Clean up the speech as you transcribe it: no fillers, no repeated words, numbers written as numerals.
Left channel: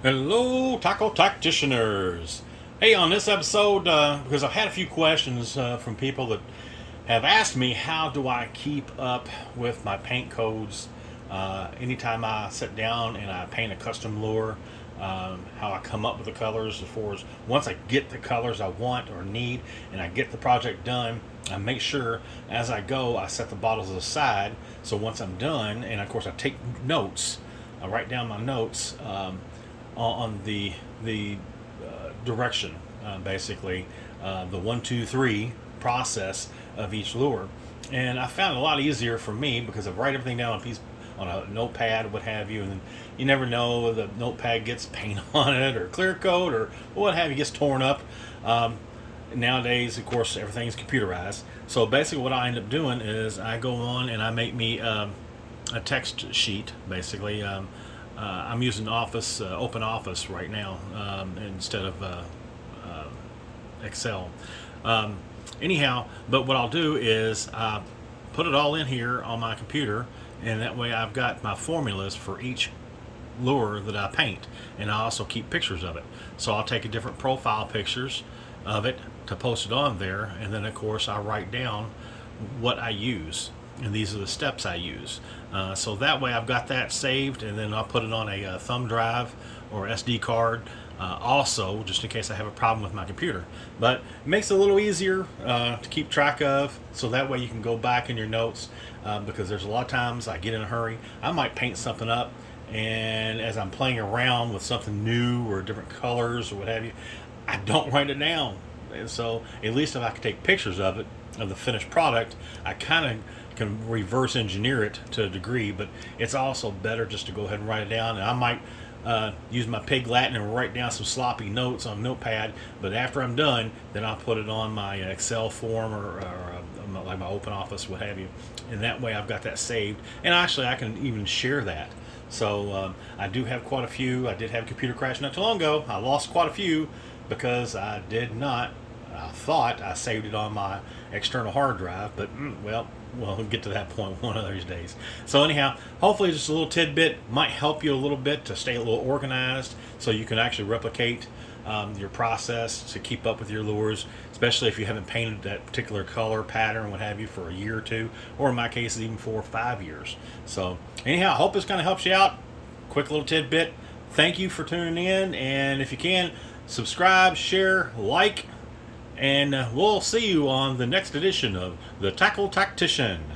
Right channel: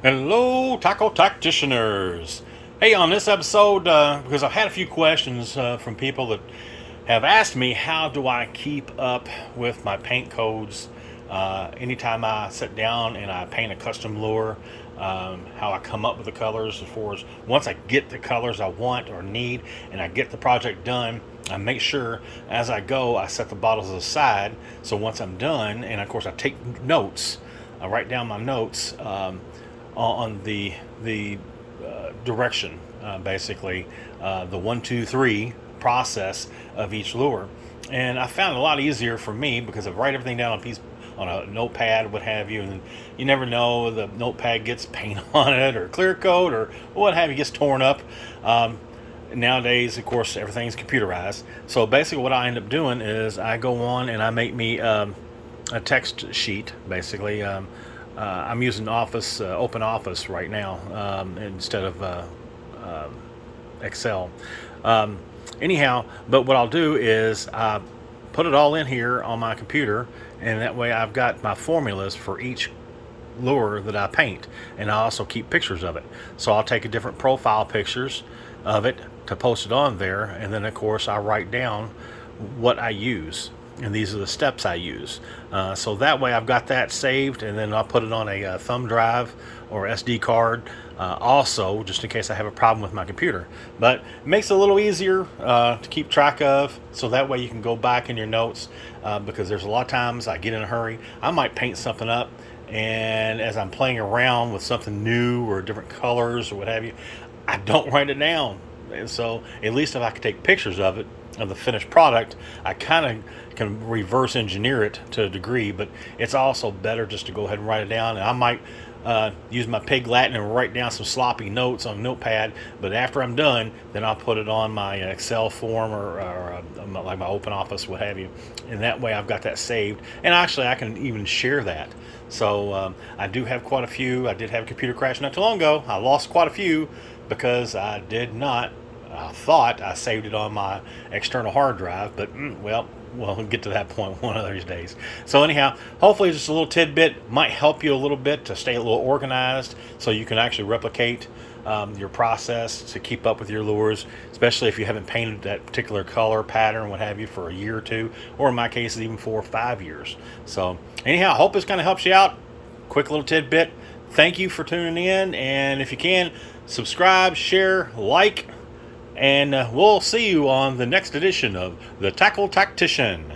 Hello, tackle tacticianers. Hey, on this episode, because I've had a few questions from people that have asked me how do I keep up with my paint codes anytime I sit down and I paint a custom lure, how I come up with the colors as far as once I get the colors I want or need and I get the project done, I make sure as I go I set the bottles aside so once I'm done, and of course I take notes, I write down my notes on the direction, basically the 1, 2, 3 process of each lure. And I found it a lot easier for me because I write everything down on a piece on a notepad, what have you, and then you never know, the notepad gets paint on it or clear coat or what have you, gets torn up. Nowadays, of course, everything's computerized. So basically, what I end up doing is I go on and I make me a text sheet, basically. I'm using Office, Open Office right now instead of Excel. Um, Anyhow, but what I'll do is put it all in here on my computer, and that way I've got my formulas for each lure that I paint, and I also keep pictures of it. So I'll take a different profile pictures of it to post it on there, and then of course I write down what I use, and these are the steps I use. So that way I've got that saved, and then I'll put it on a thumb drive or SD card. Also, just in case I have a problem with my computer, but it makes it a little easier to keep track of. So that way you can go back in your notes because there's a lot of times I get in a hurry. I might paint something up, and as I'm playing around with something new or different colors or what have you, I don't write it down. And so at least if I can take pictures of it, of the finished product, I kind of can reverse engineer it to a degree, but it's also better just to go ahead and write it down. And I might use my pig Latin and write down some sloppy notes on Notepad, but after I'm done, then I'll put it on my Excel form or like my Open Office, what have you. And that way I've got that saved. And actually, I can even share that. So I do have quite a few. I did have a computer crash not too long ago. I lost quite a few because I did not. I thought I saved it on my external hard drive, but well, we'll get to that point one of these days. So anyhow, hopefully just a little tidbit might help you a little bit to stay a little organized so you can actually replicate your process to keep up with your lures, especially if you haven't painted that particular color pattern, what have you, for a year or two, or in my case, even 4 or 5 years. So anyhow, I hope this kind of helps you out. Quick little tidbit. Thank you for tuning in, and if you can, subscribe, share, like, and we'll see you on the next edition of The Tackle Tactician.